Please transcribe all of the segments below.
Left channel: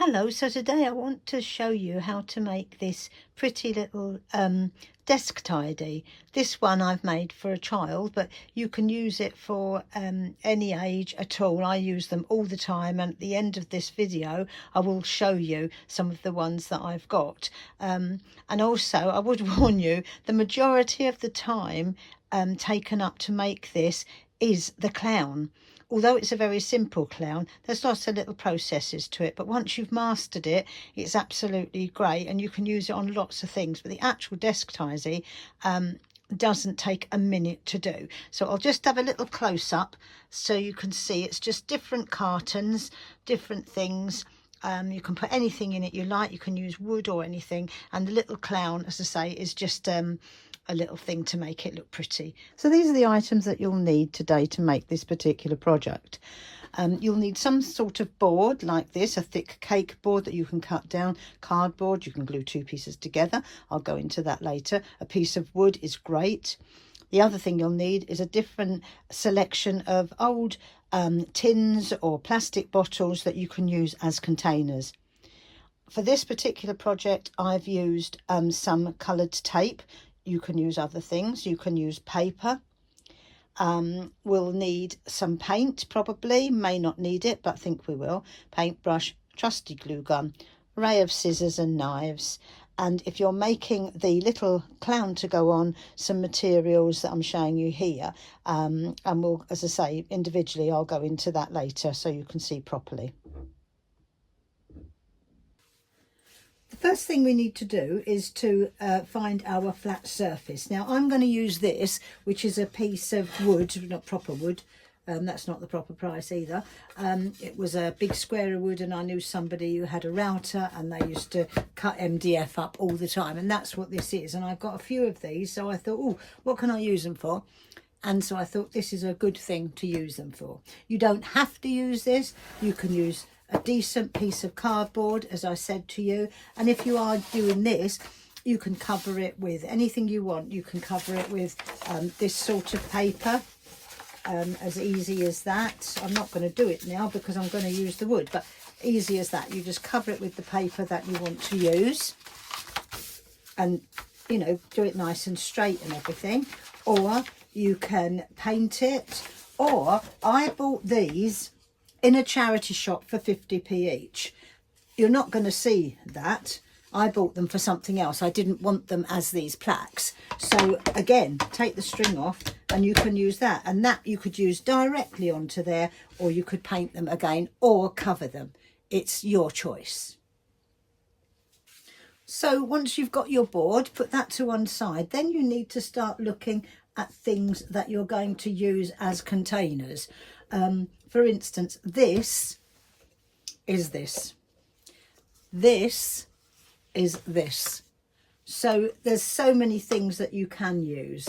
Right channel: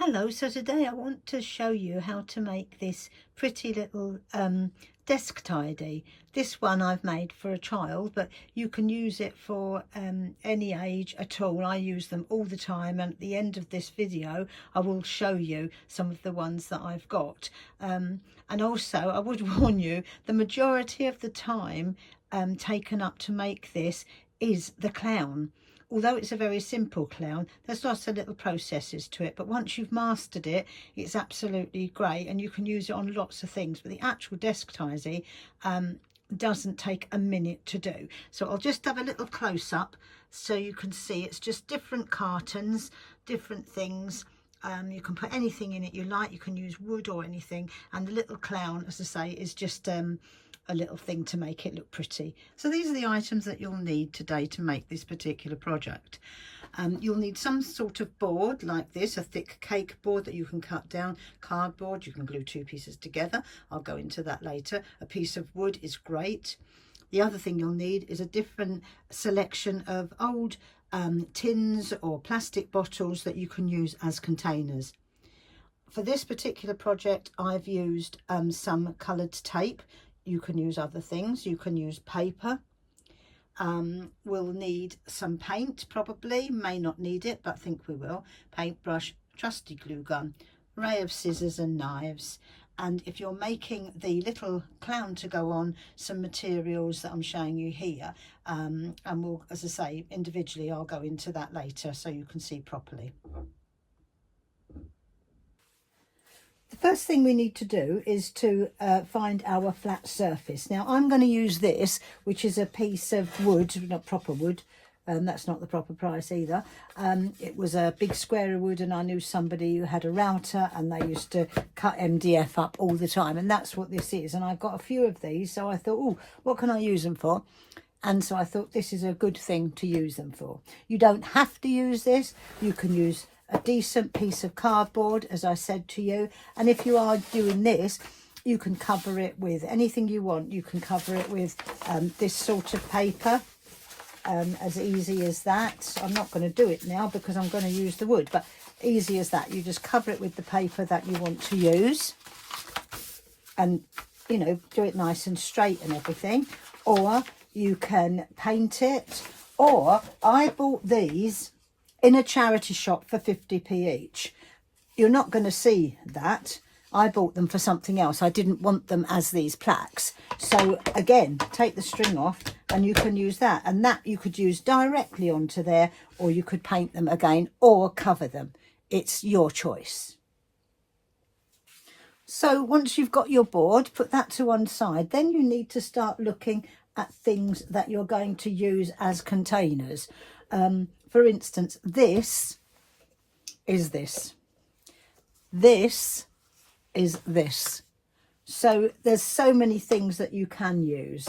Hello, so today I want to show you how to make this pretty little desk tidy. This one I've made for a child, but you can use it for any age at all. I use them all the time, and at the end of this video I will show you some of the ones that I've got. And also I would warn you, the majority of the time taken up to make this is the clown. Although it's a very simple clown, there's lots of little processes to it, but once you've mastered it, it's absolutely great and you can use it on lots of things. But the actual desk tidy doesn't take a minute to do. So I'll just have a little close-up so you can see it's just different cartons, different things. You can put anything in it you like, you can use wood or anything, and the little clown, as I say, is just a little thing to make it look pretty. So these are the items that you'll need today to make this particular project. You'll need some sort of board like this, a thick cake board that you can cut down, cardboard, you can glue two pieces together, I'll go into that later. A piece of wood is great. The other thing you'll need is a different selection of old tins or plastic bottles that you can use as containers. For this particular project I've used some coloured tape. You can use other things, you can use paper. We'll need some paint, probably, may not need it, but I think we will. Paintbrush, trusty glue gun, array of scissors and knives. And if you're making the little clown to go on, some materials that I'm showing you here. And we'll, as I say, individually, I'll go into that later so you can see properly. The first thing we need to do is to find our flat surface. Now I'm going to use this, which is a piece of wood, not proper wood, that's not the proper price either. It was a big square of wood, and I knew somebody who had a router and they used to cut MDF up all the time, and that's what this is. And I've got a few of these, so I thought, oh, what can I use them for? And so I thought this is a good thing to use them for. You don't have to use this, you can use a decent piece of cardboard, as I said to you, and if you are doing this, you can cover it with anything you want. You can cover it with this sort of paper, as easy as that. I'm not going to do it now because I'm going to use the wood, but easy as that. You just cover it with the paper that you want to use, and you know, do it nice and straight and everything. Or you can paint it, or I bought these in a charity shop for 50p each. You're not going to see that. I bought them for something else. I didn't want them as these plaques. So again, take the string off and you can use that. And that you could use directly onto there, or you could paint them again or cover them. It's your choice. So once you've got your board, put that to one side. Then you need to start looking at things that you're going to use as containers. For instance, this is this. This is this. So there's so many things that you can use.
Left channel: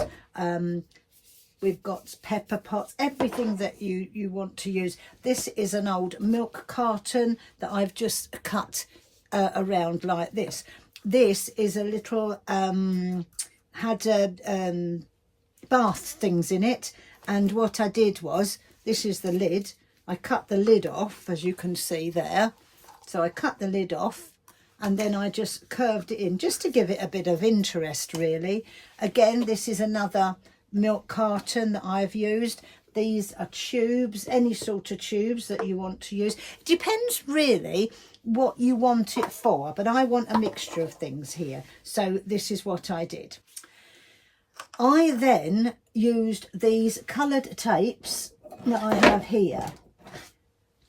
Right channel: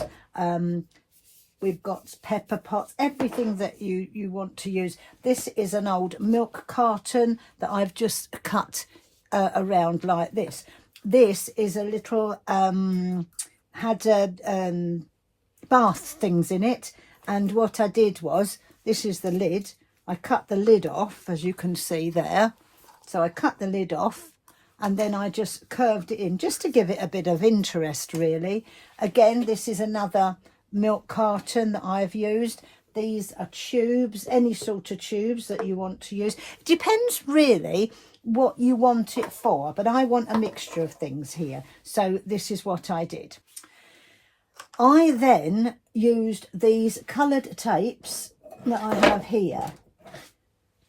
We've got pepper pots, everything that you want to use. This is an old milk carton that I've just cut around like this. This is a little, had bath things in it. And what I did was, this is the lid. I cut the lid off, as you can see there. So I cut the lid off and then I just curved it in just to give it a bit of interest, really. Again, this is another milk carton that I've used. These are tubes, any sort of tubes that you want to use. It depends really what you want it for, but I want a mixture of things here. So this is what I did. I then used these coloured tapes that I have here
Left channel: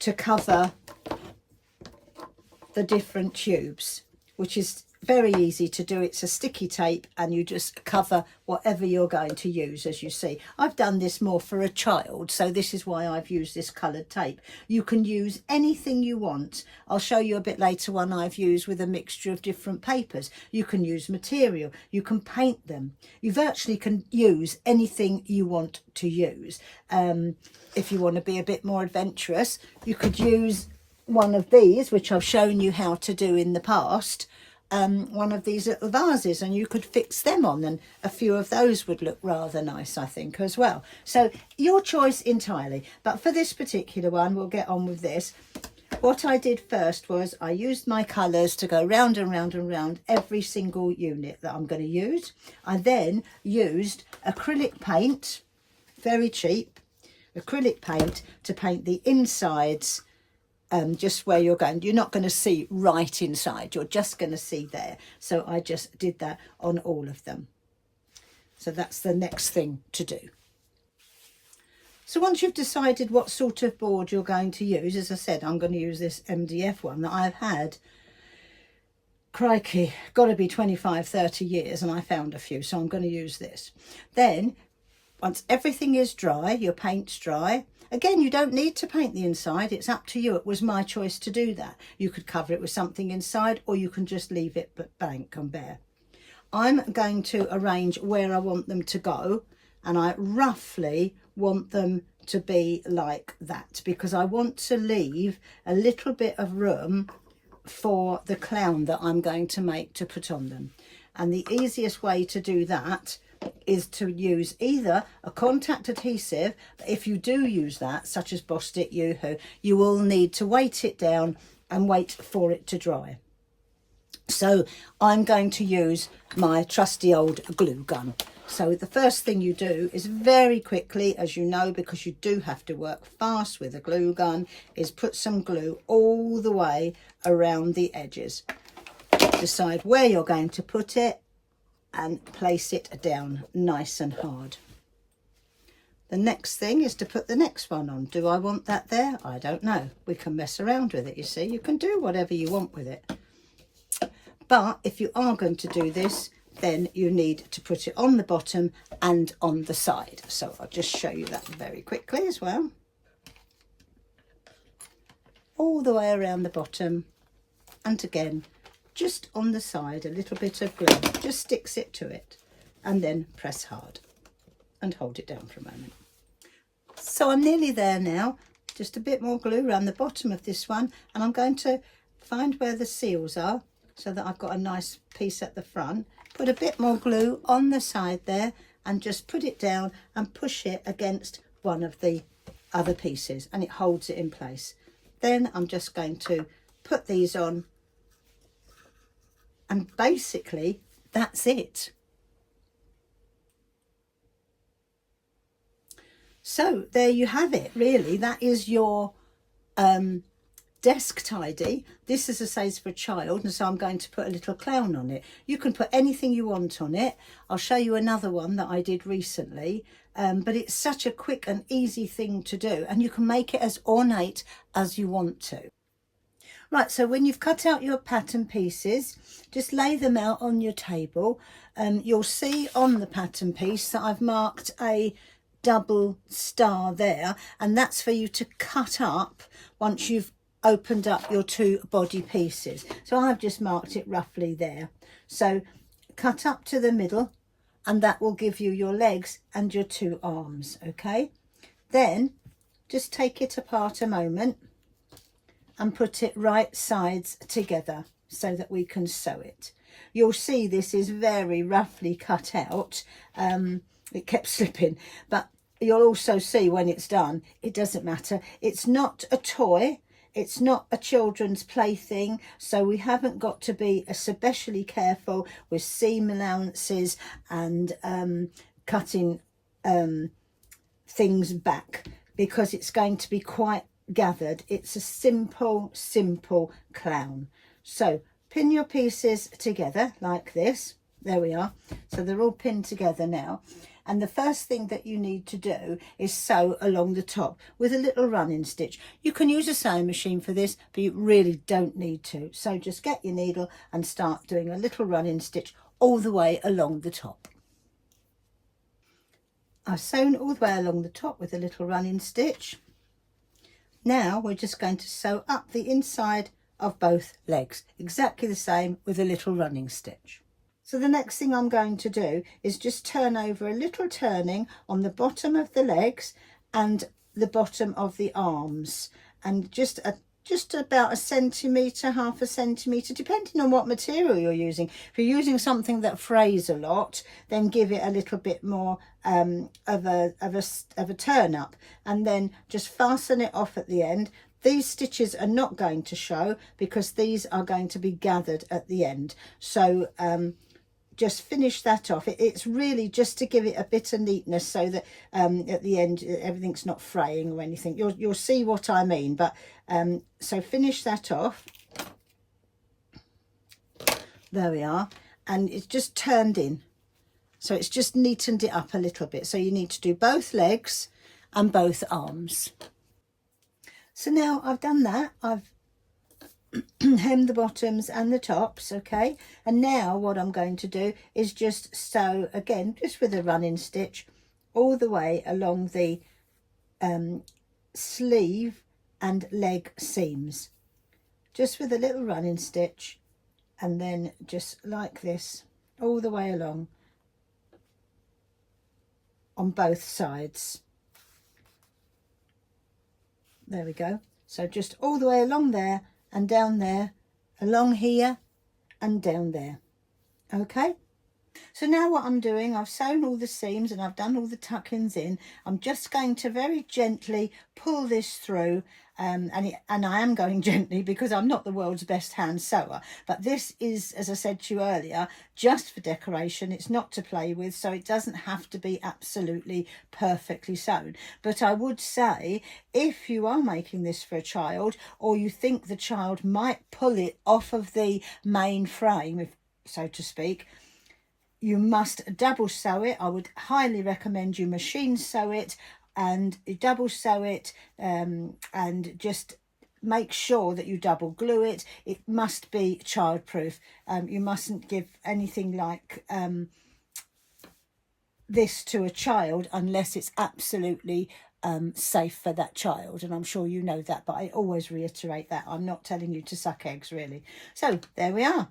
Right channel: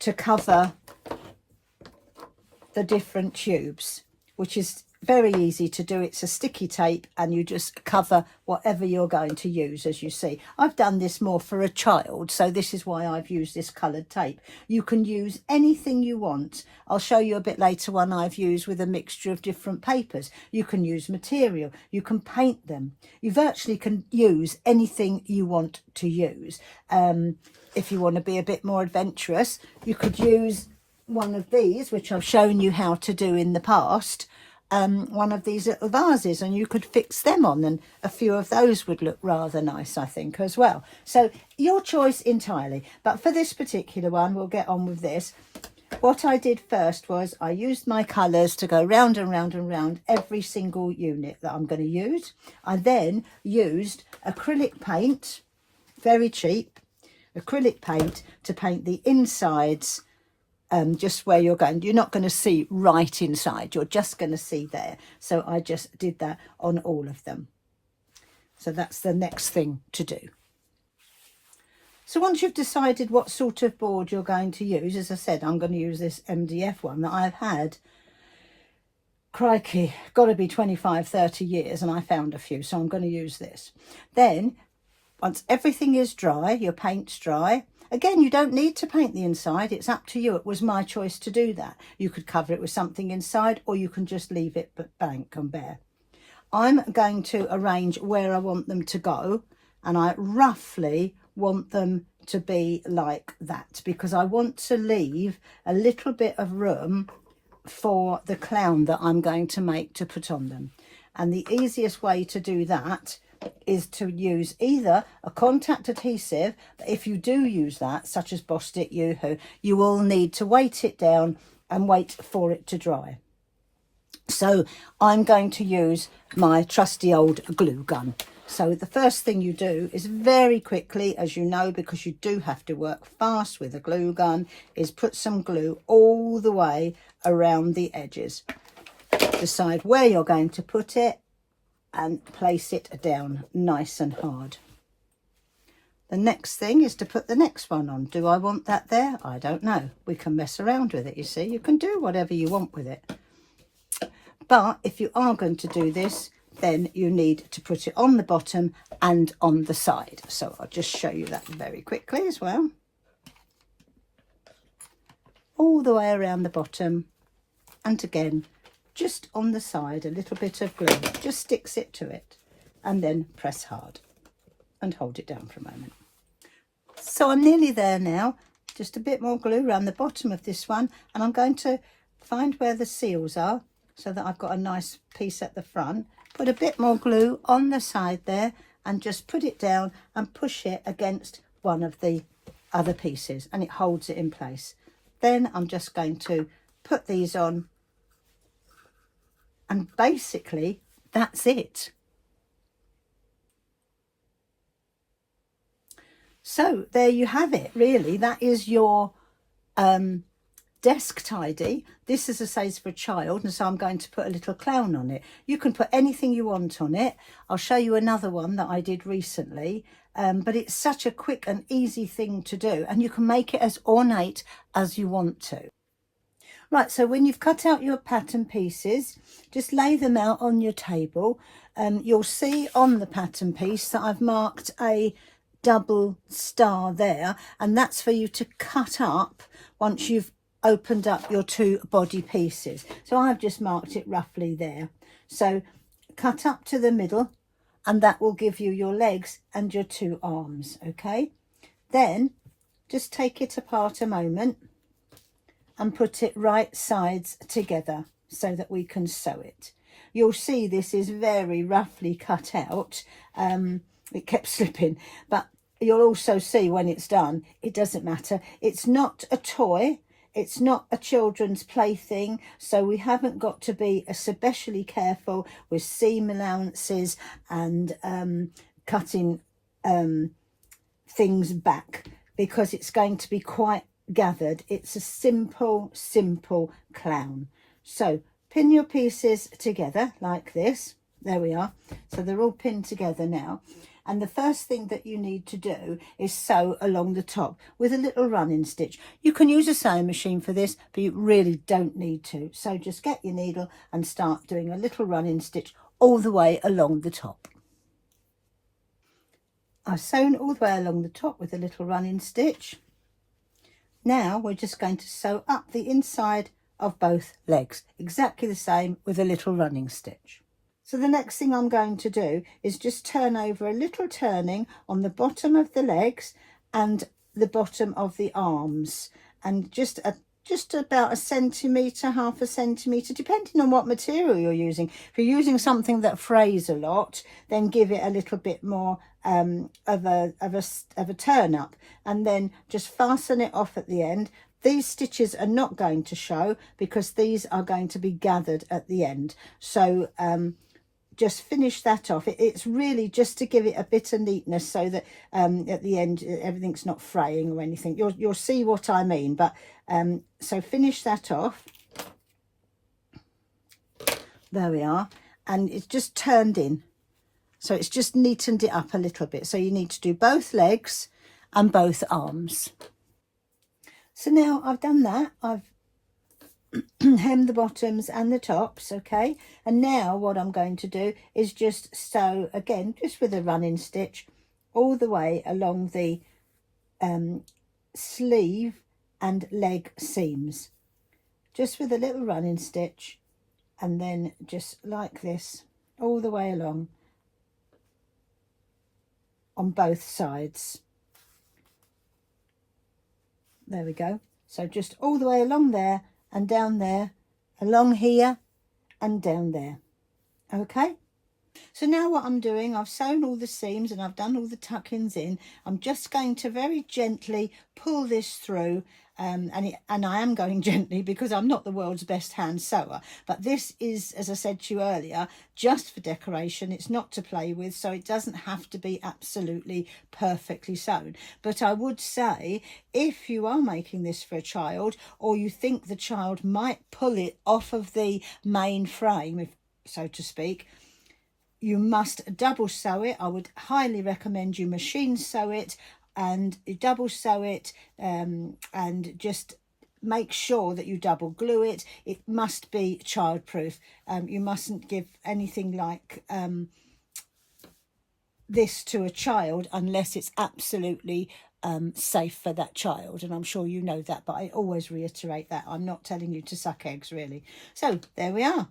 to cover the different tubes, which is very easy to do. It's a sticky tape and you just cover whatever you're going to use. As you see, I've done this more for a child, so this is why I've used this coloured tape. You can use anything you want. I'll show you a bit later one I've used with a mixture of different papers. You can use material, you can paint them, you virtually can use anything you want to use. If you want to be a bit more adventurous, you could use one of these, which I've shown you how to do in the past. One of these little vases, and you could fix them on, and a few of those would look rather nice, I think, as well. So your choice entirely, but for this particular one, we'll get on with this. what I did first was I used my colours to go round and round and round every single unit that I'm going to use. I then used acrylic paint, very cheap, acrylic paint to paint the insides, just where you're going. You're not going to see right inside, you're just going to see there. So I just did that on all of them. So that's the next thing to do. So once you've decided what sort of board you're going to use, as I said, I'm going to use this MDF one that I've had, crikey, got to be 25, 30 years, and I found a few, so I'm going to use this. Then, once everything is dry, your paint's dry, again, you don't need to paint the inside, it's up to you. It was my choice to do that. You could cover it with something inside, or you can just leave it blank and bare. I'm going to arrange where I want them to go, and I roughly want them to be like that because I want to leave a little bit of room for the clown that I'm going to make to put on them. And the easiest way to do that is to use either a contact adhesive. If you do use that, such as Bostik, Yoo-hoo, you will need to weight it down and wait for it to dry. So I'm going to use my trusty old glue gun. So the first thing you do is very quickly, as you know, because you do have to work fast with a glue gun, is put some glue all the way around the edges. Decide where you're going to put it and place it down nice and hard. The next thing is to put the next one on. Do I want that there? I don't know. We can mess around with it, you see. You can do whatever you want with it. But if you are going to do this, then you need to put it on the bottom and on the side. So I'll just show you that very quickly as well. All the way around the bottom, and again, just on the side, a little bit of glue, just sticks it to it, and then press hard and hold it down for a moment. So I'm nearly there now, just a bit more glue around the bottom of this one, and I'm going to find where the seals are so that I've got a nice piece at the front. Put a bit more glue on the side there and just put it down and push it against one of the other pieces and it holds it in place. Then I'm just going to put these on and basically that's it. So there you have it, really. That is your desk tidy. This, as I say, is for a child, and so I'm going to put a little clown on it. You can put anything you want on it. I'll show you another one that I did recently, but it's such a quick and easy thing to do, and you can make it as ornate as you want to. Right, so when you've cut out your pattern pieces, just lay them out on your table. You'll see on the pattern piece that I've marked a double star there, and that's for you to cut up once you've opened up your two body pieces. So I've just marked it roughly there. So cut up to the middle, and that will give you your legs and your two arms. Okay, then just take it apart a moment and put it right sides together so that we can sew it. You'll see this is very roughly cut out. It kept slipping, but you'll also see when it's done, it doesn't matter. It's not a toy. It's not a children's plaything, so we haven't got to be especially careful with seam allowances and cutting things back, because it's going to be quite gathered. It's a simple clown. So pin your pieces together like this. There we are. So they're all pinned together now. And the first thing that you need to do is sew along the top with a little running stitch. You can use a sewing machine for this, but you really don't need to. So just get your needle and start doing a little running stitch all the way along the top. I've sewn all the way along the top with a little running stitch. Now we're just going to sew up the inside of both legs, exactly the same with a little running stitch. So the next thing I'm going to do is just turn over a little turning on the bottom of the legs and the bottom of the arms, and just about a centimetre, half a centimetre, depending on what material you're using. If you're using something that frays a lot, then give it a little bit more of a turn up, and then just fasten it off at the end. These stitches are not going to show because these are going to be gathered at the end. So just finish that off. It's really just to give it a bit of neatness so that at the end everything's not fraying or anything. You'll see what I mean. But so finish that off. There we are. And it's just turned in. So it's just neatened it up a little bit. So you need to do both legs and both arms. So now I've done that. I've hem the bottoms and the tops, okay, and now what I'm going to do is just sew again, just with a running stitch, all the way along the sleeve and leg seams, just with a little running stitch, and then just like this all the way along on both sides. There we go. So just all the way along there and down there, along here and down there. Okay, so now what I'm doing, I've sewn all the seams and I've done all the tuck-ins in. I'm just going to very gently pull this through, and I am going gently because I'm not the world's best hand sewer, but this is, as I said to you earlier, just for decoration. It's not to play with, so it doesn't have to be absolutely perfectly sewn. But I would say, if you are making this for a child, or you think the child might pull it off of the main frame, if so to speak, you must double sew it. I would highly recommend you machine sew it and double sew it, and just make sure that you double glue it. It must be childproof. You mustn't give anything like this to a child unless it's absolutely safe for that child, and I'm sure you know that, but I always reiterate that. I'm not telling you to suck eggs, really. So there we are.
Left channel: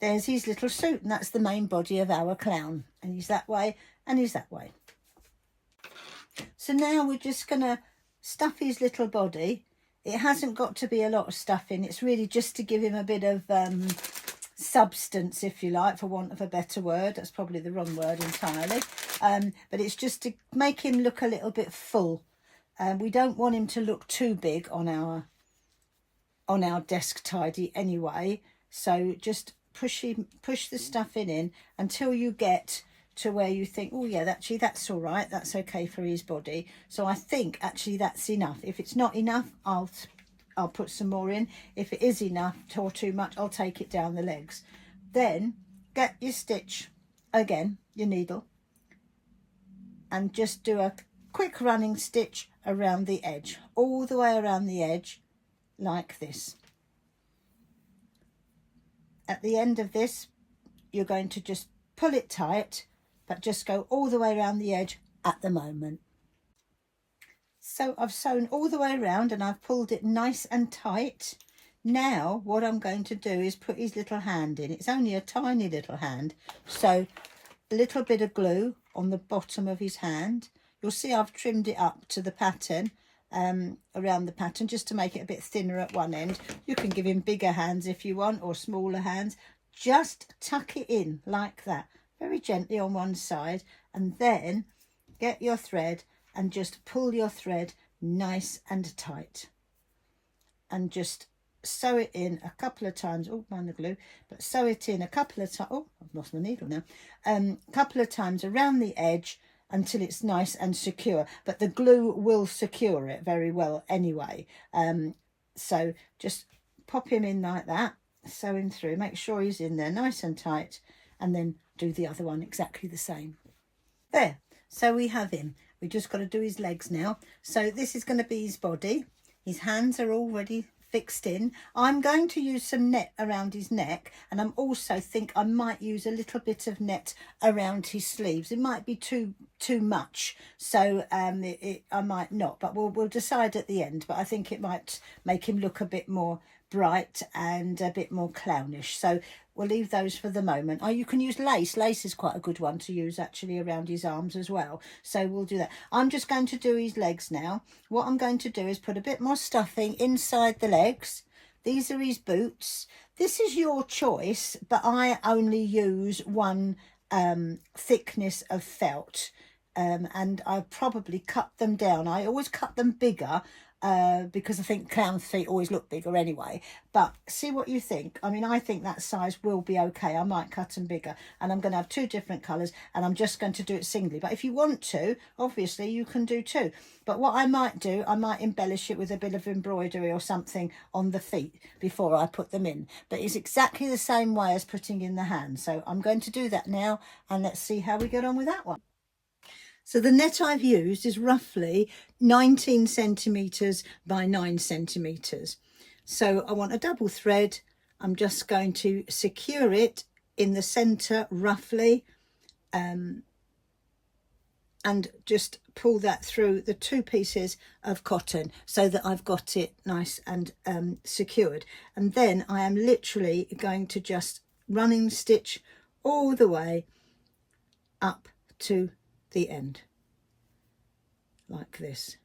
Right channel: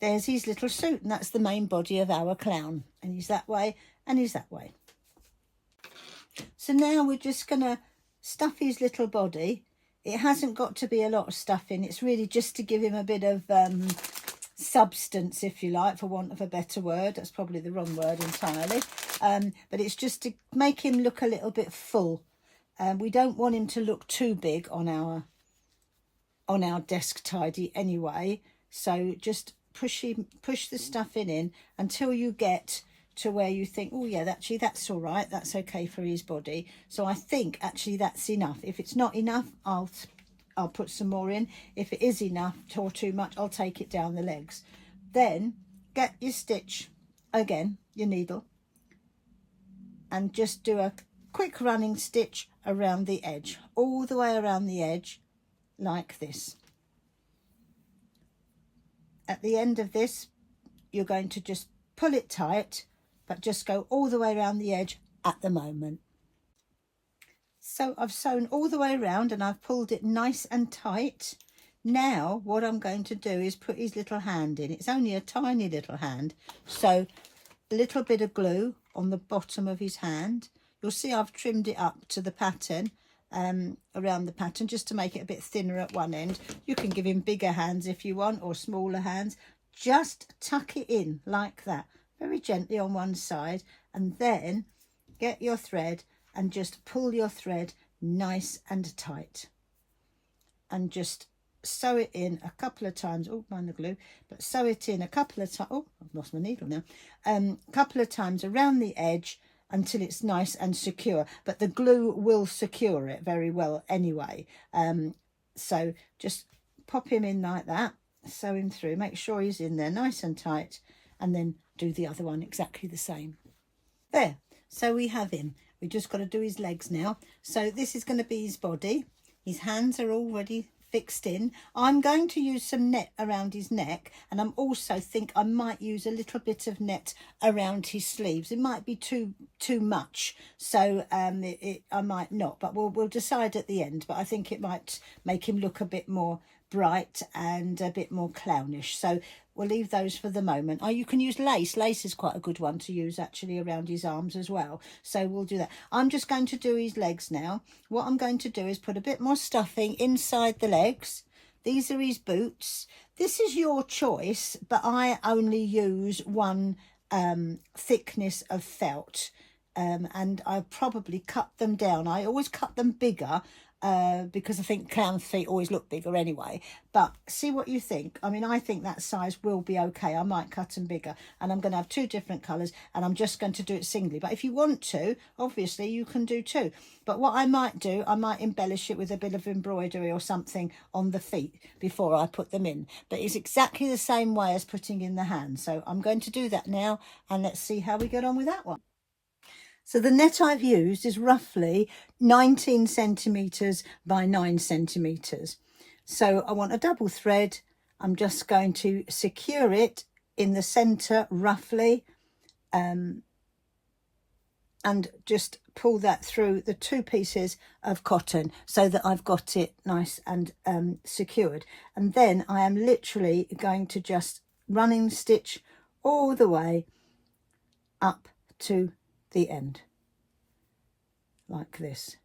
There's his little suit, and that's the main body of our clown, and he's that way and he's that way. So now we're just going to stuff his little body. It hasn't got to be a lot of stuffing. It's really just to give him a bit of substance, if you like, for want of a better word. That's probably the wrong word entirely. But it's just to make him look a little bit full. We don't want him to look too big on our desk tidy anyway. So just push the stuffing in until you get to where you think, oh yeah, actually that's all right, that's okay for his body. So I think actually that's enough. If it's not enough, I'll put some more in. If it is enough or too much, I'll take it down the legs. Then get your stitch again, your needle, and just do a quick running stitch around the edge, all the way around the edge like this. At the end of this, you're going to just pull it tight, but just go all the way around the edge at the moment. So I've sewn all the way around and I've pulled it nice and tight. Now what I'm going to do is put his little hand in. It's only a tiny little hand, so a little bit of glue on the bottom of his hand. You'll see I've trimmed it up to the pattern, around the pattern, just to make it a bit thinner at one end. You can give him bigger hands if you want, or smaller hands. Just tuck it in like that, very gently on one side, and then get your thread and just pull your thread nice and tight, and just sew it in a couple of times. Oh, mind the glue, but sew it in a couple of times. Oh, I've lost my needle now. A couple of times around the edge until it's nice and secure, but the glue will secure it very well anyway. So just pop him in like that, sew him through, make sure he's in there nice and tight, and then do the other one exactly the same. There, so we have him. We've just got to do his legs now. So this is going to be his body. His hands are already fixed in. I'm going to use some net around his neck, and I'm also think I might use a little bit of net around his sleeves. It might be too much, so I might not, but we'll decide at the end. But I think it might make him look a bit more bright and a bit more clownish, so we'll leave those for the moment. Oh, you can use lace. Lace is quite a good one to use actually around his arms as well, so we'll do that. I'm just going to do his legs now. What I'm going to do is put a bit more stuffing inside the legs. These are his boots. This is your choice, but I only use one thickness of felt, and I probably cut them down. I always cut them bigger because I think clown's feet always look bigger anyway. But see what you think. I mean, I think that size will be okay. I might cut them bigger, and I'm going to have 2 different colours, and I'm just going to do it singly. But if you want to, obviously you can do 2. But what I might do, I might embellish it with a bit of embroidery or something on the feet before I put them in. But it's exactly the same way as putting in the hand. So I'm going to do that now, and let's see how we get on with that one. So the net I've used is roughly 19 centimetres by 9 centimetres. So I want a double thread. I'm just going to secure it in the centre roughly, and just pull that through the 2 pieces of cotton so that I've got it nice and secured. And then I am literally going to just running stitch all the way up to the end, like this,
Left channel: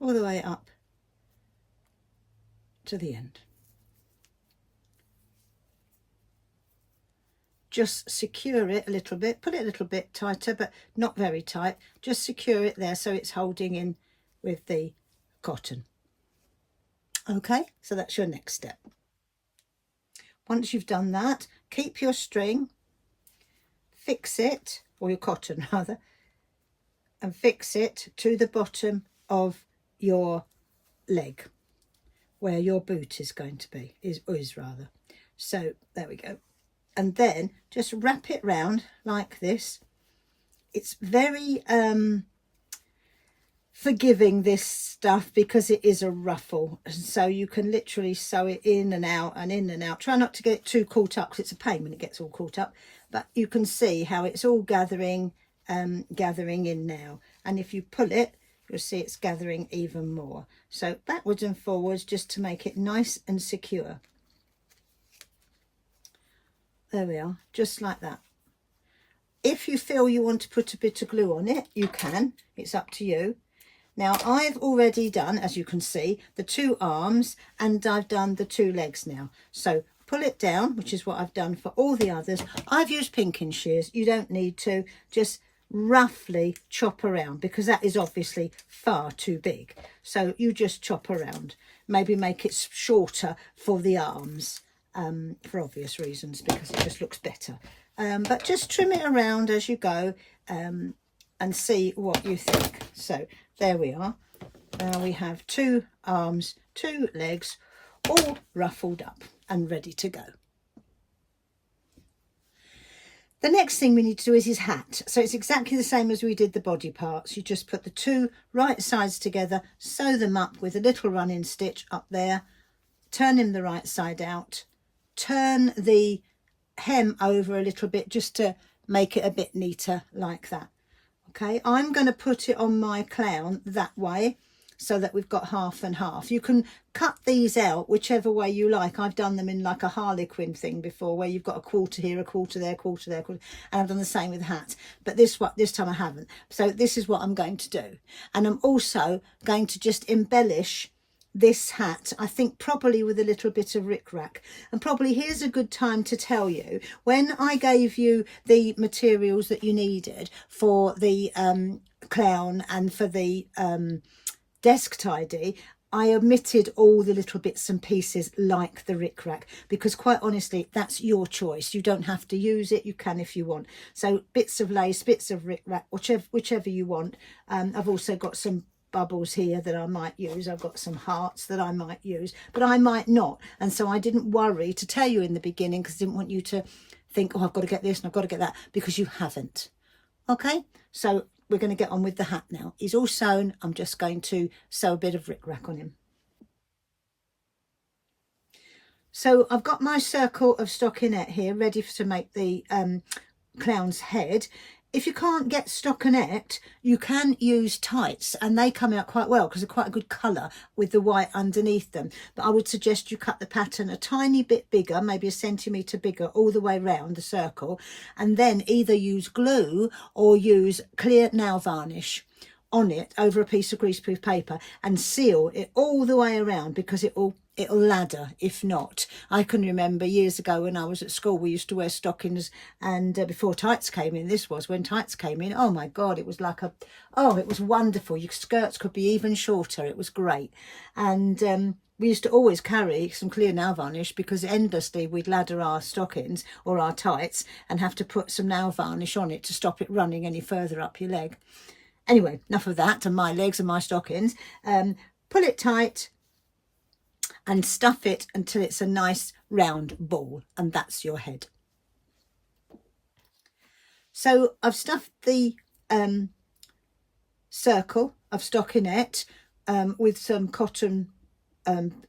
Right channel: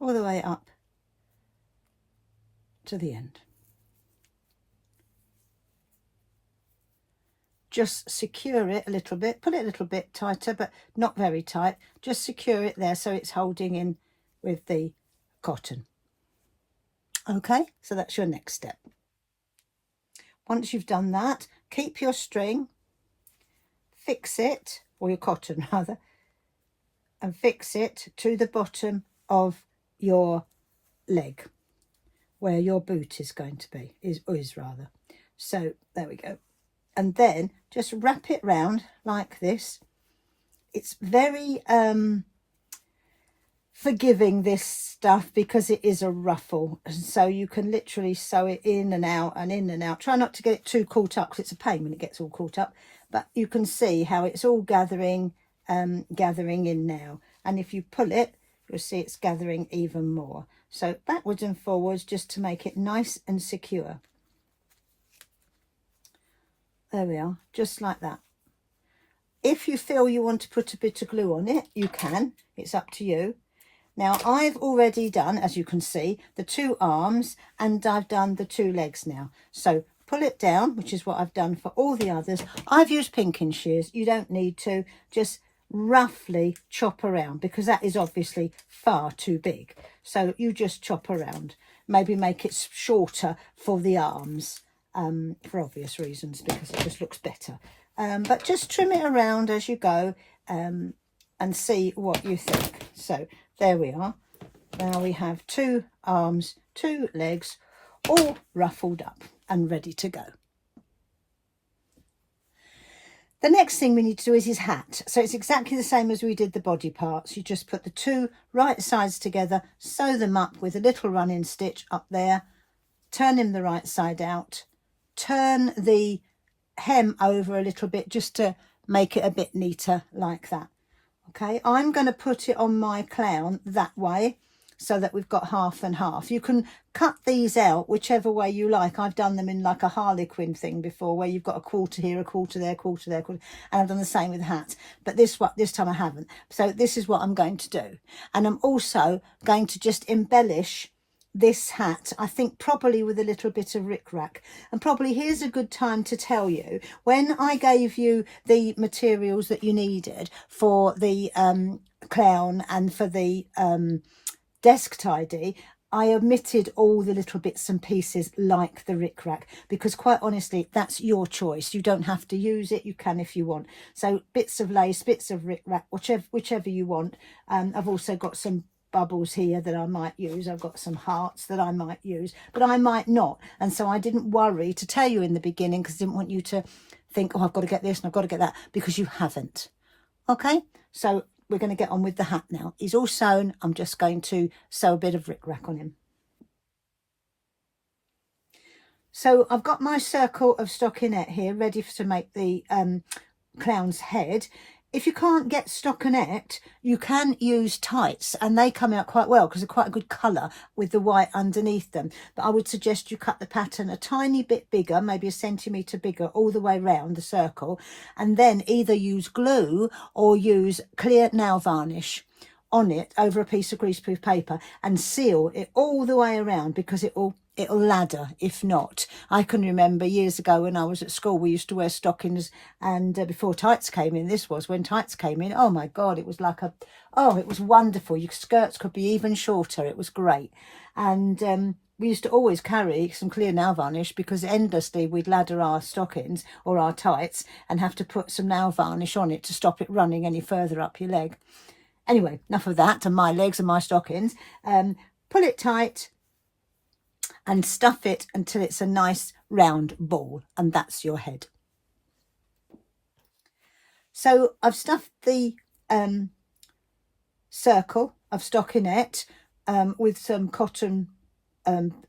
all the way up to the end. Just secure it a little bit, put it a little bit tighter, but not very tight. Just secure it there so it's holding in with the cotton. Okay, so that's your next step. Once you've done that, keep your string, fix it, or your cotton rather, and fix it to the bottom of your leg where your boot is going to be, is rather. So there we go. And then just wrap it round like this. It's very forgiving, this stuff, because it is a ruffle, so you can literally sew it in and out and in and out. Try not to get it too caught up, because it's a pain when it gets all caught up, but you can see how it's all gathering in now, and if you pull it, you'll see it's gathering even more. So backwards and forwards, just to make it nice and secure. There we are, just like that. If you feel you want to put a bit of glue on it, you can, it's up to you. Now I've already done, as you can see, the 2 arms, and I've done the 2 legs now. So pull it down, which is what I've done for all the others. I've used pinking shears. You don't need to, just roughly chop around, because that is obviously far too big. So you just chop around, maybe make it shorter for the arms, for obvious reasons, because it just looks better. But just trim it around as you go, and see what you think. So there we are. Now we have 2 arms, 2 legs, all ruffled up and ready to go. The next thing we need to do is his hat. So it's exactly the same as we did the body parts. You just put the 2 right sides together, sew them up with a little running stitch up there, turn him the right side out, turn the hem over a little bit just to make it a bit neater, like that. Okay, I'm going to put it on my clown that way, so that we've got half and half. You can cut these out whichever way you like. I've done them in like a harlequin thing before, where you've got a quarter here, a quarter there, quarter there, quarter, and I've done the same with hats. But this time I haven't. So this is what I'm going to do. And I'm also going to just embellish this hat, I think probably with a little bit of rickrack. And probably here's a good time to tell you, when I gave you the materials that you needed for the clown and for the desk tidy, I omitted all the little bits and pieces like the rickrack, because quite honestly, that's your choice. You don't have to use it, you can if you want. So bits of lace, bits of rickrack, whichever you want. I've also got some bubbles here that I might use. I've got some hearts that I might use, but I might not. And so I didn't worry to tell you in the beginning, because I didn't want you to think, oh, I've got to get this and I've got to get that, because you haven't. Okay, so we're going to get on with the hat now. He's all sewn. I'm just going to sew a bit of rickrack on him. So I've got my circle of stockinette here ready to make the clown's head. If you can't get stockinette, you can use tights, and they come out quite well because they're quite a good colour with the white underneath them. But I would suggest you cut the pattern a tiny bit bigger, maybe 1 centimetre bigger all the way round the circle, and then either use glue or use clear nail varnish on it over a piece of greaseproof paper and seal it all the way around, because it'll ladder if not. I can remember years ago when I was at school, we used to wear stockings, and before tights came in, this was when tights came in, oh my God, it was like it was wonderful. Your skirts could be even shorter. It was great. And we used to always carry some clear nail varnish, because endlessly we'd ladder our stockings or our tights and have to put some nail varnish on it to stop it running any further up your leg. Anyway, enough of that and my legs and my stockings. Pull it tight and stuff it until it's a nice round ball, and that's your head. So I've stuffed the circle of stockinette with some cotton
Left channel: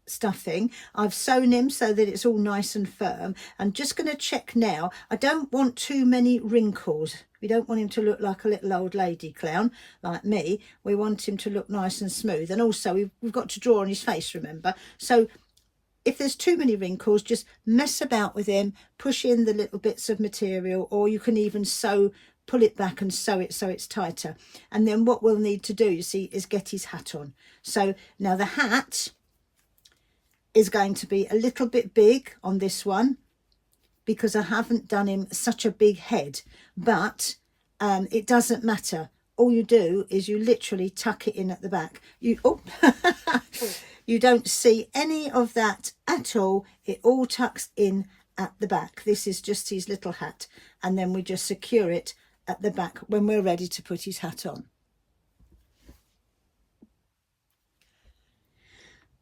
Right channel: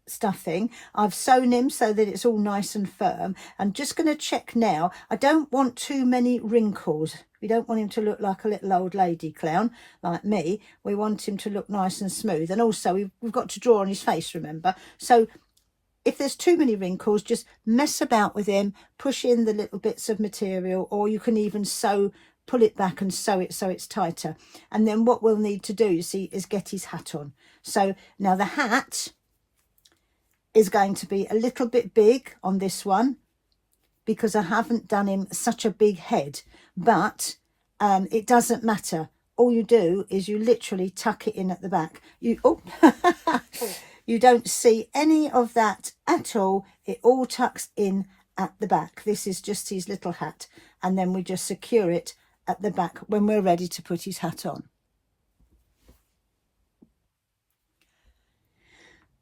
stuffing. I've sewn him so that it's all nice and firm. I'm just going to check now. I don't want too many wrinkles. We don't want him to look like a little old lady clown like me. We want him to look nice and smooth, and also we've got to draw on his face, remember. So if there's too many wrinkles, just mess about with him, push in the little bits of material, or you can even pull it back and sew it so it's tighter. And then what we'll need to do, you see, is get his hat on. So now the hat is going to be a little bit big on this one, because I haven't done him such a big head, but it doesn't matter. All you do is you literally tuck it in at the back. You don't see any of that at all. It all tucks in at the back. This is just his little hat, and then we just secure it at the back when we're ready to put his hat on.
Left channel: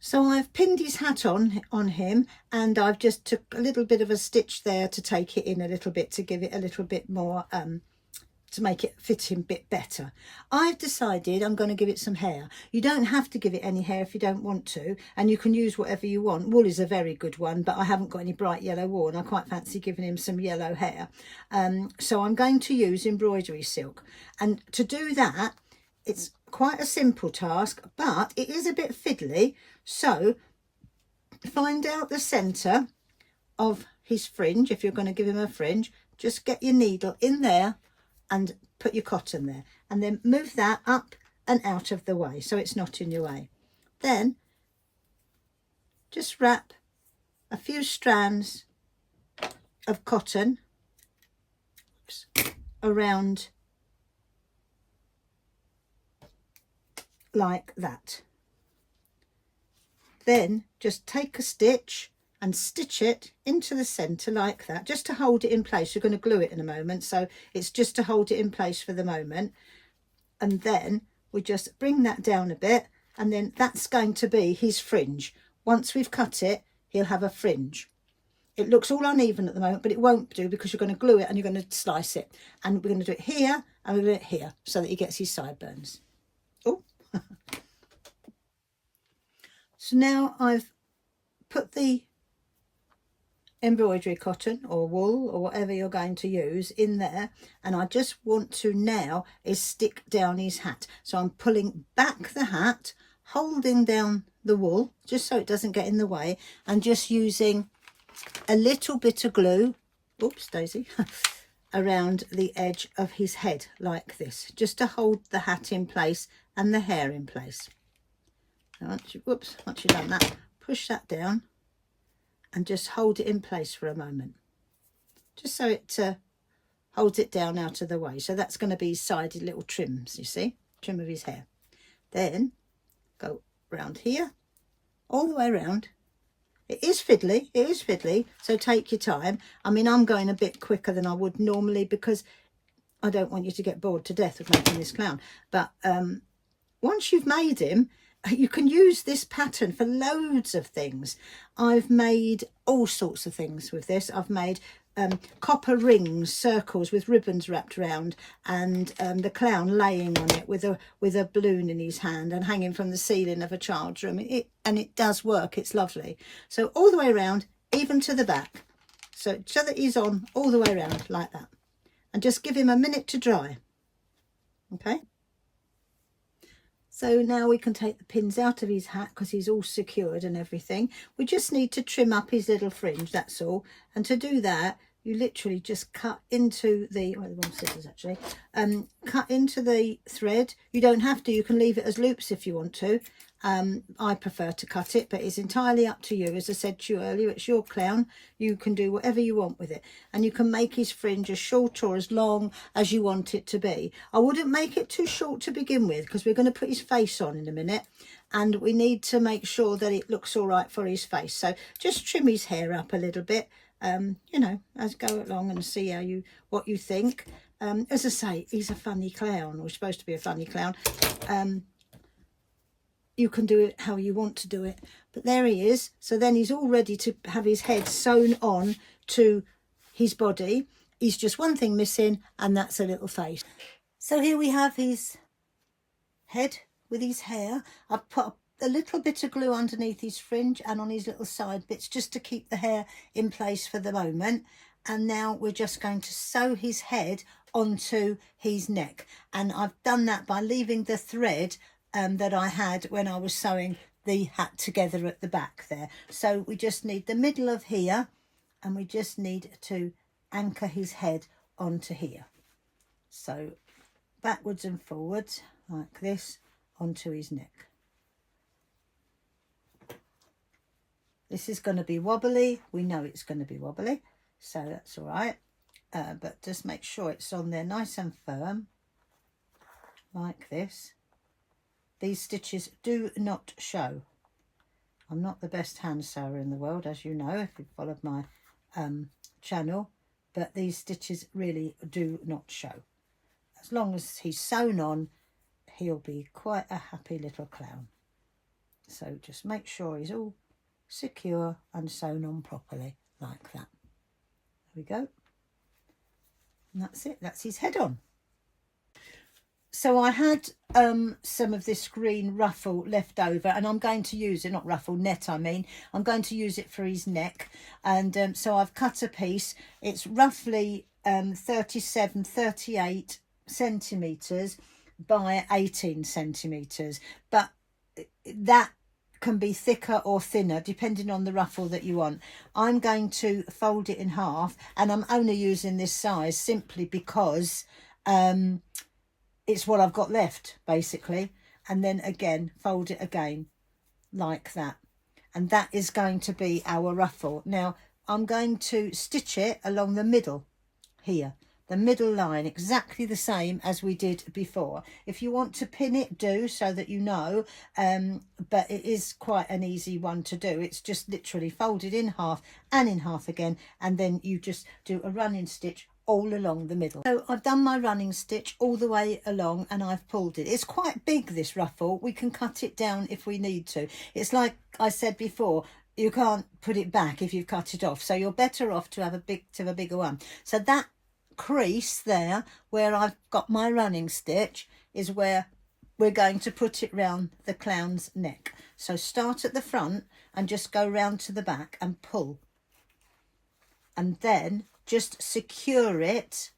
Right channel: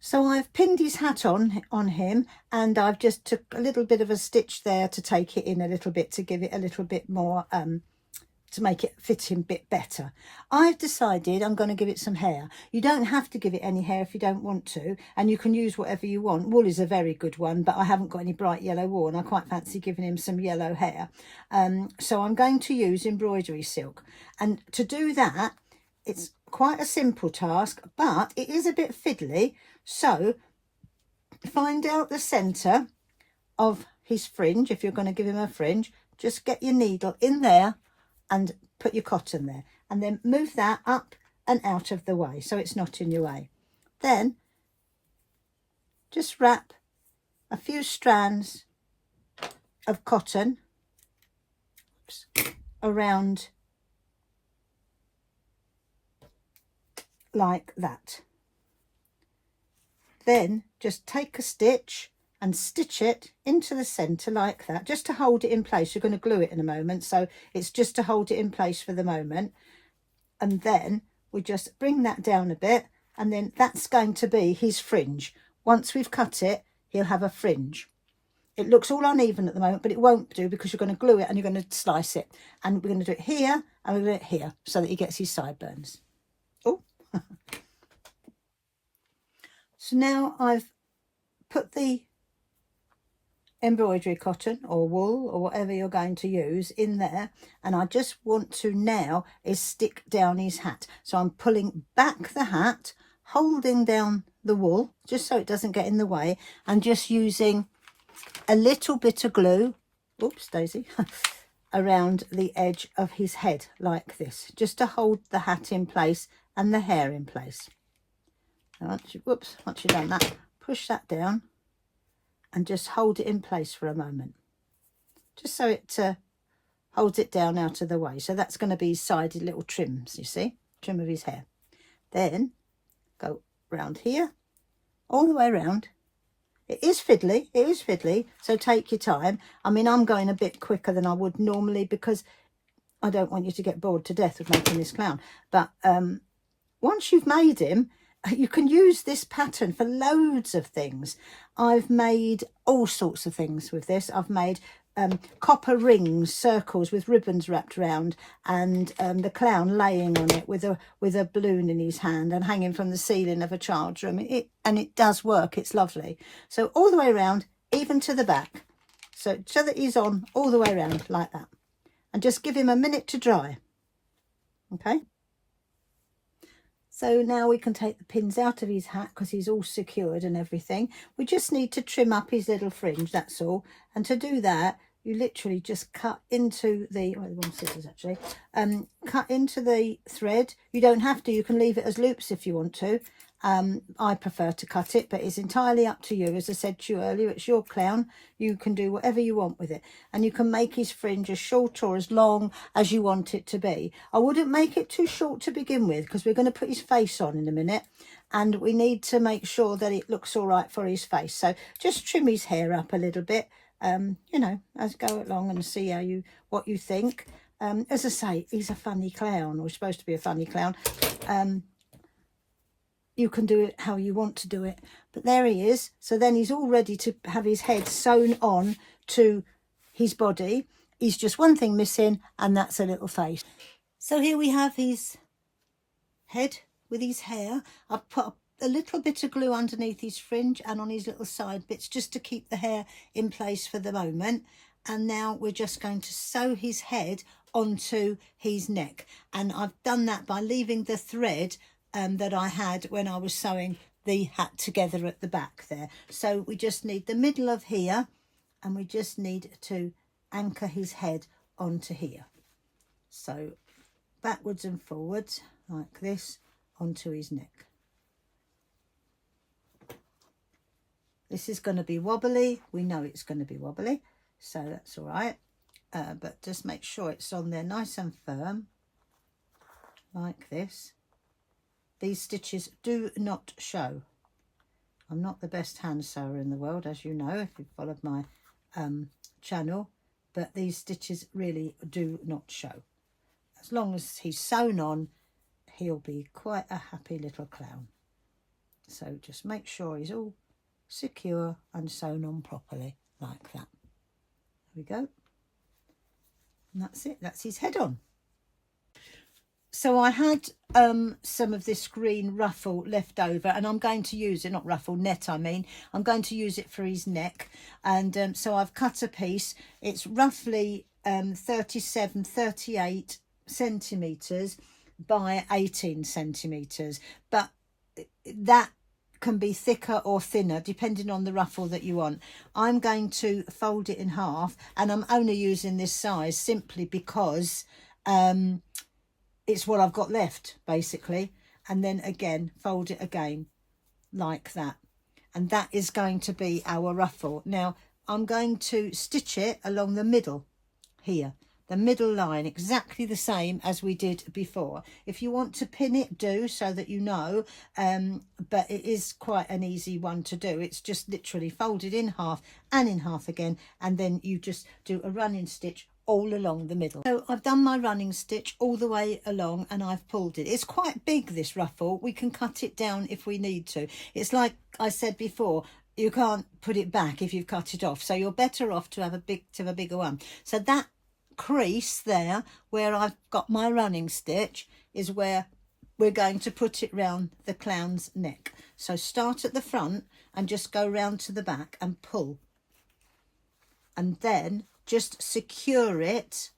So I've pinned his hat on him, and I've just took a little bit of a stitch there to take it in a little bit, to give it a little bit more, to make it fit him a bit better. I've decided I'm going to give it some hair. You don't have to give it any hair if you don't want to, and you can use whatever you want. Wool is a very good one, but I haven't got any bright yellow wool, and I quite fancy giving him some yellow hair. So I'm going to use embroidery silk, and to do that, it's quite a simple task, but it is a bit fiddly. So find out the centre of his fringe. If you're going to give him a fringe, just get your needle in there and put your cotton there, and then move that up and out of the way so it's not in your way. Then just wrap a few strands of cotton around like that. Then just take a stitch and stitch it into the centre like that, just to hold it in place. You're going to glue it in a moment, so it's just to hold it in place for the moment. And then we just bring that down a bit, and then that's going to be his fringe. Once we've cut it, he'll have a fringe. It looks all uneven at the moment, but it won't do, because you're going to glue it and you're going to slice it. And we're going to do it here and we're going to do it here so that he gets his sideburns. Oh. So now I've put the embroidery cotton or wool or whatever you're going to use in there, and I just want to now is stick down his hat. So I'm pulling back the hat, holding down the wool just so it doesn't get in the way, and just using a little bit of glue, oops daisy, around the edge of his head like this, just to hold the hat in place and the hair in place. Once you've done that, push that down and just hold it in place for a moment, just so it holds it down out of the way. So that's going to be sided little trims, you see, trim of his hair. Then go round here, all the way around. It is fiddly, so take your time. I mean, I'm going a bit quicker than I would normally, because I don't want you to get bored to death of making this clown. But once you've made him, you can use this pattern for loads of things. I've made all sorts of things with this. I've made copper rings, circles with ribbons wrapped around, and the clown laying on it with a balloon in his hand and hanging from the ceiling of a child's room. It does work. It's lovely. So all the way around, even to the back, so that he's on all the way around like that, and just give him a minute to dry. Okay. So now we can take the pins out of his hat, because he's all secured and everything. We just need to trim up his little fringe, that's all. And to do that, you literally just cut into the, well, the wrong scissors actually, cut into the thread. You don't have to, you can leave it as loops if you want to. I prefer to cut it, but it's entirely up to you. As I said to you earlier, it's your clown. You can do whatever you want with it, and you can make his fringe as short or as long as you want it to be. I wouldn't make it too short to begin with, because we're going to put his face on in a minute, and we need to make sure that it looks all right for his face. So just trim his hair up a little bit, you know, as go along, and see how what you think. As I say, he's a funny clown, or supposed to be a funny clown. You can do it how you want to do it, but there he is. So then he's all ready to have his head sewn on to his body. He's just one thing missing, and that's a little face. So here we have his head with his hair. I've put a little bit of glue underneath his fringe and on his little side bits, just to keep the hair in place for the moment. And now we're just going to sew his head onto his neck, and I've done that by leaving the thread that I had when I was sewing the hat together at the back there. So we just need the middle of here, and we just need to anchor his head onto here. So backwards and forwards like this onto his neck. This is going to be wobbly. We know it's going to be wobbly, so that's all right. But just make sure it's on there nice and firm like this. These stitches do not show. I'm not the best hand sewer in the world, as you know, if you've followed my channel, but these stitches really do not show. As long as he's sewn on, he'll be quite a happy little clown. So just make sure he's all secure and sewn on properly like that. There we go. And that's it, that's his head on. So I had some of this green ruffle left over, and I'm going to use it, not ruffle, net I mean, I'm going to use it for his neck. And so I've cut a piece. It's roughly 38 centimetres by 18 centimetres, but that can be thicker or thinner depending on the ruffle that you want. I'm going to fold it in half, and I'm only using this size simply because it's what I've got left basically, and then again fold it again like that, and that is going to be our ruffle. Now I'm going to stitch it along the middle here, the middle line, exactly the same as we did before. If you want to pin it, do, so that you know, but it is quite an easy one to do. It's just literally folded in half and in half again, and then you just do a running stitch all along the middle. So I've done my running stitch all the way along, and I've pulled it. It's quite big, this ruffle. We can cut it down if we need to. It's like I said before, you can't put it back if you've cut it off, so you're better off to have a bigger one. So that crease there where I've got my running stitch is where we're going to put it round the clown's neck. So start at the front and just go round to the back and pull, and then just secure it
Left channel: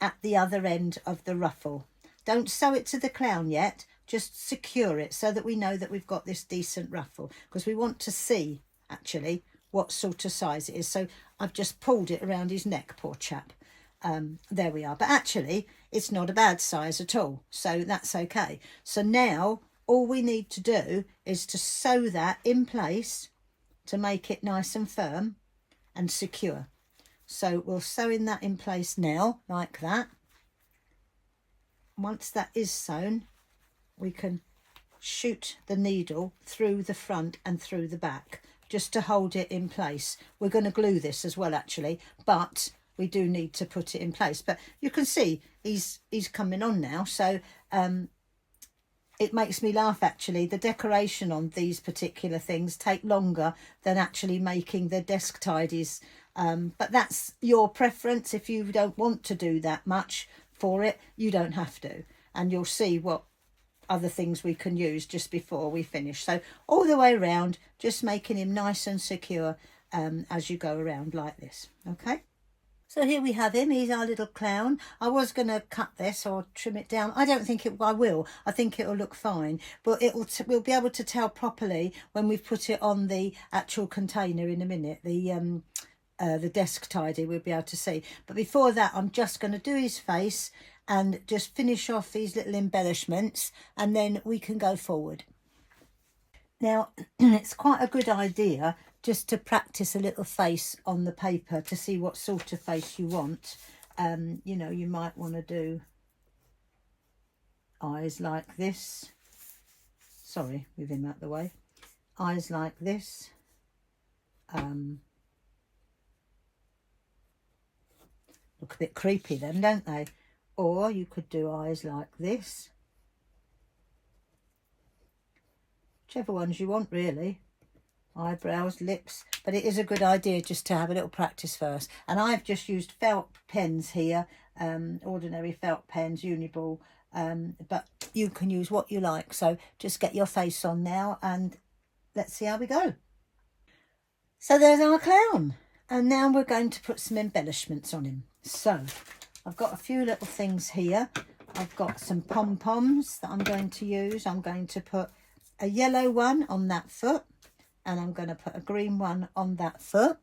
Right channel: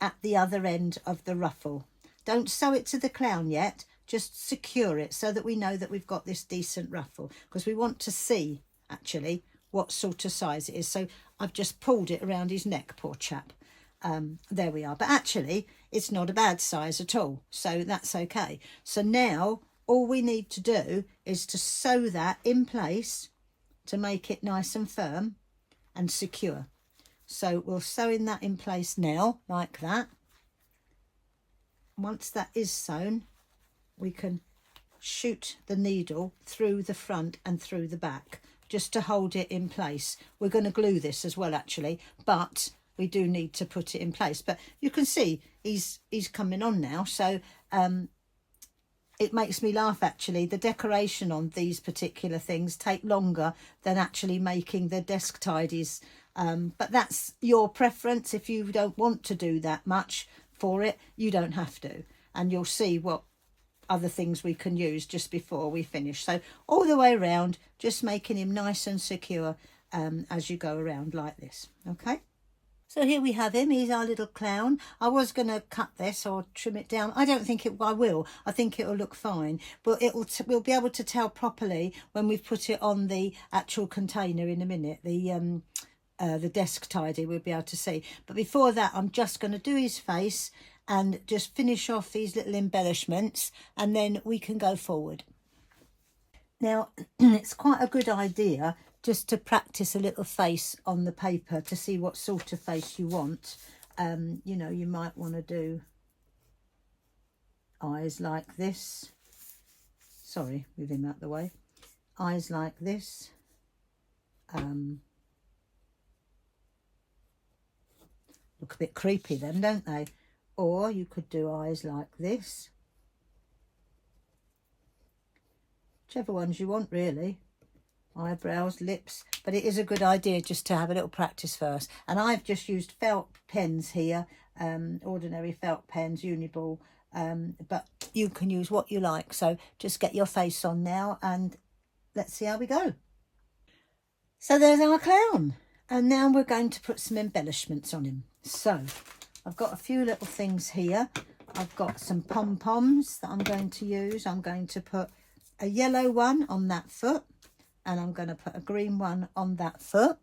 at the other end of the ruffle. Don't sew it to the clown yet, just secure it so that we know that we've got this decent ruffle, because we want to see actually what sort of size it is. So I've just pulled it around his neck, poor chap. There we are, but actually it's not a bad size at all, so that's okay. So now all we need to do is to sew that in place to make it nice and firm and secure. So we'll sew in that in place now like that. Once that is sewn, we can shoot the needle through the front and through the back just to hold it in place. We're going to glue this as well actually, but we do need to put it in place. But you can see he's coming on now, so it makes me laugh actually. The decoration on these particular things take longer than actually making the desk tidies. But that's your preference. If you don't want to do that much for it, you don't have to. And you'll see what other things we can use just before we finish. So all the way around, just making him nice and secure as you go around like this. Okay. So here we have him. He's our little clown. I was going to cut this or trim it down. I don't think I will. I think it'll look fine. But we'll be able to tell properly when we've put it on the actual container in a minute. the desk tidy, we'll be able to see. But before that, I'm just going to do his face and just finish off these little embellishments, and then we can go forward. Now, it's quite a good idea just to practice a little face on the paper to see what sort of face you want. You know, you might want to do eyes like this. Sorry, with him out the way. Eyes like this. Look a bit creepy then, don't they? Or you could do eyes like this. Whichever ones you want, really. Eyebrows, lips. But it is a good idea just to have a little practice first. And I've just used felt pens here. Ordinary felt pens, Uniball. But you can use what you like. So just get your face on now and let's see how we go. So there's our clown. And now we're going to put some embellishments on him. So I've got a few little things here. I've got some pom-poms that I'm going to use. I'm going to put a yellow one on that foot, and I'm going to put a green one on that foot.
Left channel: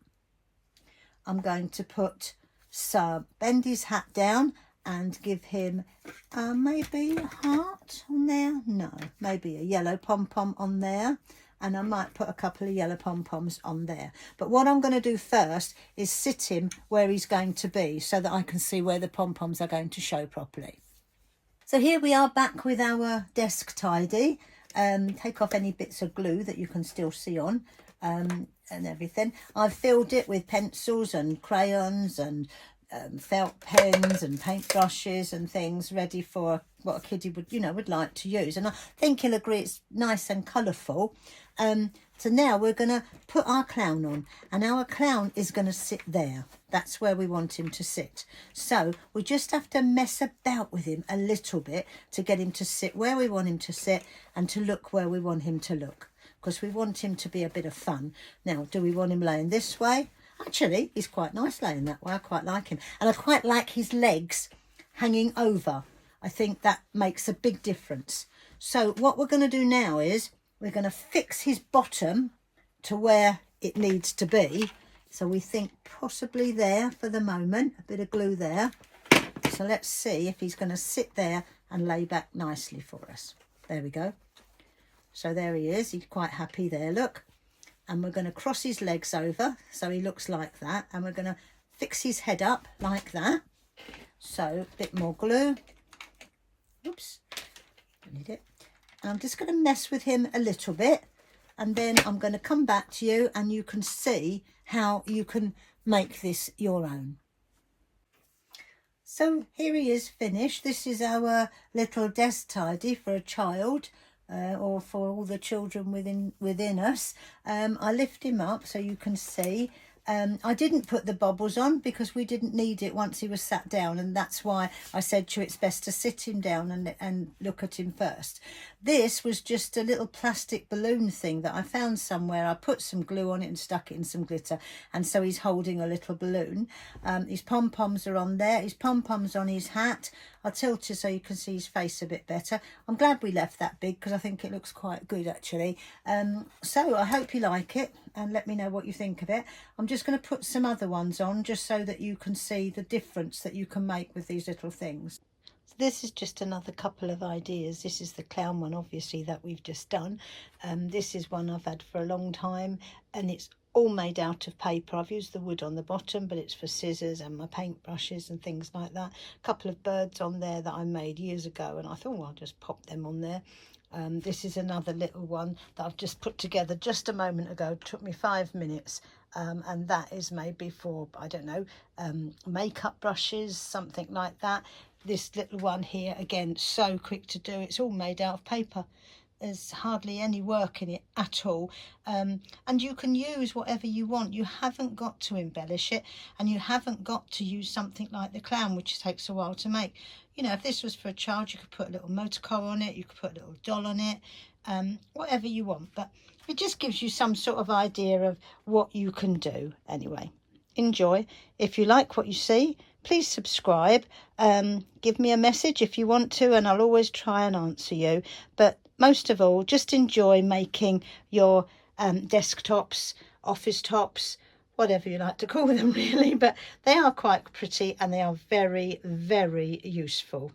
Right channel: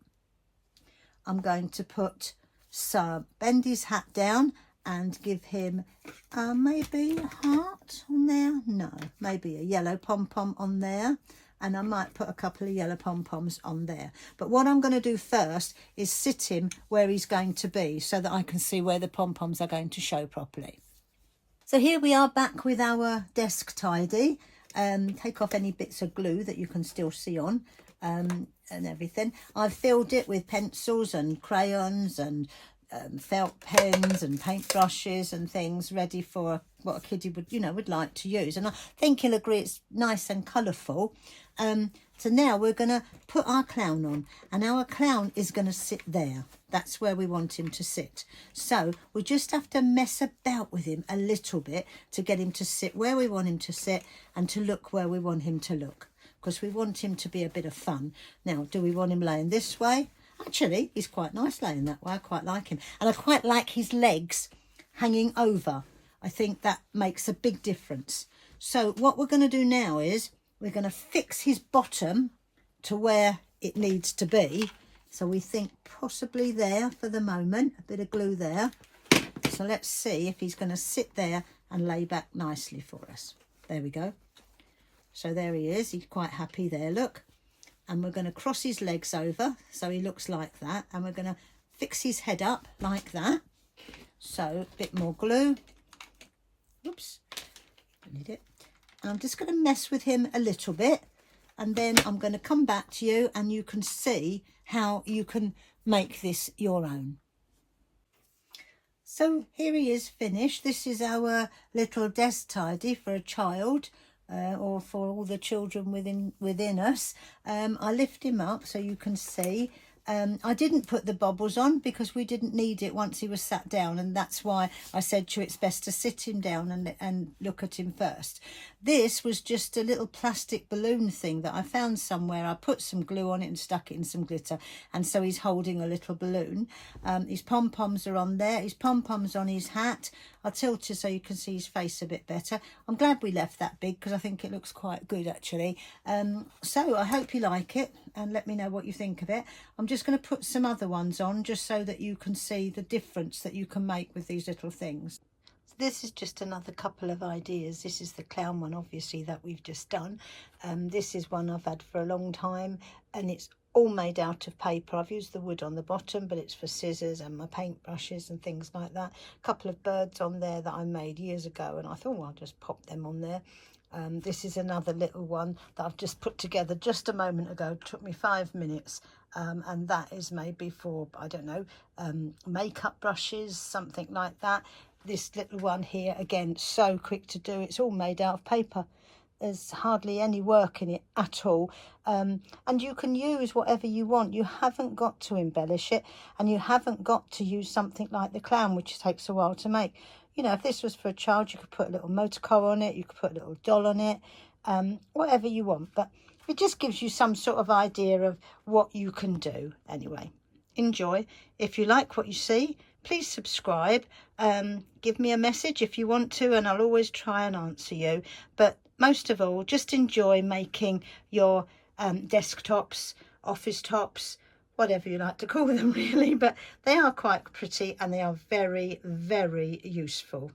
I'm going to put some, bend his hat down and give him maybe a heart on there. No, maybe a yellow pom-pom on there. And I might put a couple of yellow pom-poms on there. But what I'm going to do first is sit him where he's going to be so that I can see where the pom-poms are going to show properly. So here we are back with our desk tidy. Take off any bits of glue that you can still see on and everything. I've filled it with pencils and crayons and felt pens and paintbrushes and things ready for what a kiddie would like to use. And I think he'll agree it's nice and colourful. So now we're going to put our clown on, and our clown is going to sit there. That's where we want him to sit. So we just have to mess about with him a little bit to get him to sit where we want him to sit and to look where we want him to look, because we want him to be a bit of fun. Now, do we want him laying this way? Actually, he's quite nice laying that way. I quite like him. And I quite like his legs hanging over. I think that makes a big difference. So what we're going to do now is we're going to fix his bottom to where it needs to be. So we think possibly there for the moment, a bit of glue there. So let's see if he's going to sit there and lay back nicely for us. There we go. So there he is. He's quite happy there, look. And we're going to cross his legs over so he looks like that. And we're going to fix his head up like that. So a bit more glue. Oops, need it. And I'm just going to mess with him a little bit, and then I'm going to come back to you and you can see how you can make this your own. So here he is finished. This is our little desk tidy for a child or for all the children within us. I lift him up so you can see. I didn't put the bobbles on because we didn't need it once he was sat down, and that's why I said to you it's best to sit him down and look at him first. This was just a little plastic balloon thing that I found somewhere. I put some glue on it and stuck it in some glitter, and so he's holding a little balloon. His pom-poms are on there. His pom-poms on his hat. I'll tilt it so you can see his face a bit better. I'm glad we left that big because I think it looks quite good actually. So I hope you like it and let me know what you think of it. I'm just going to put some other ones on just so that you can see the difference that you can make with these little things. So this is just another couple of ideas. This is the clown one, obviously, that we've just done. This is one I've had for a long time, and it's all made out of paper. I've used the wood on the bottom, but it's for scissors and my paintbrushes and things like that. A couple of birds on there that I made years ago, and I thought, well, I'll just pop them on there. This is another little one that I've just put together just a moment ago. It took me 5 minutes, and that is maybe for, I don't know, makeup brushes, something like that. This little one here, again, so quick to do. It's all made out of paper. There's hardly any work in it at all, and you can use whatever you want. You haven't got to embellish it, and you haven't got to use something like the clown, which takes a while to make. You know, if this was for a child, you could put a little motor car on it, you could put a little doll on it, whatever you want. But it just gives you some sort of idea of what you can do. Anyway, enjoy. If you like what you see, please subscribe. Give me a message if you want to, and I'll always try and answer you. But most of all, just enjoy making your desktops, office tops, whatever you like to call them really, but they are quite pretty and they are very, very useful.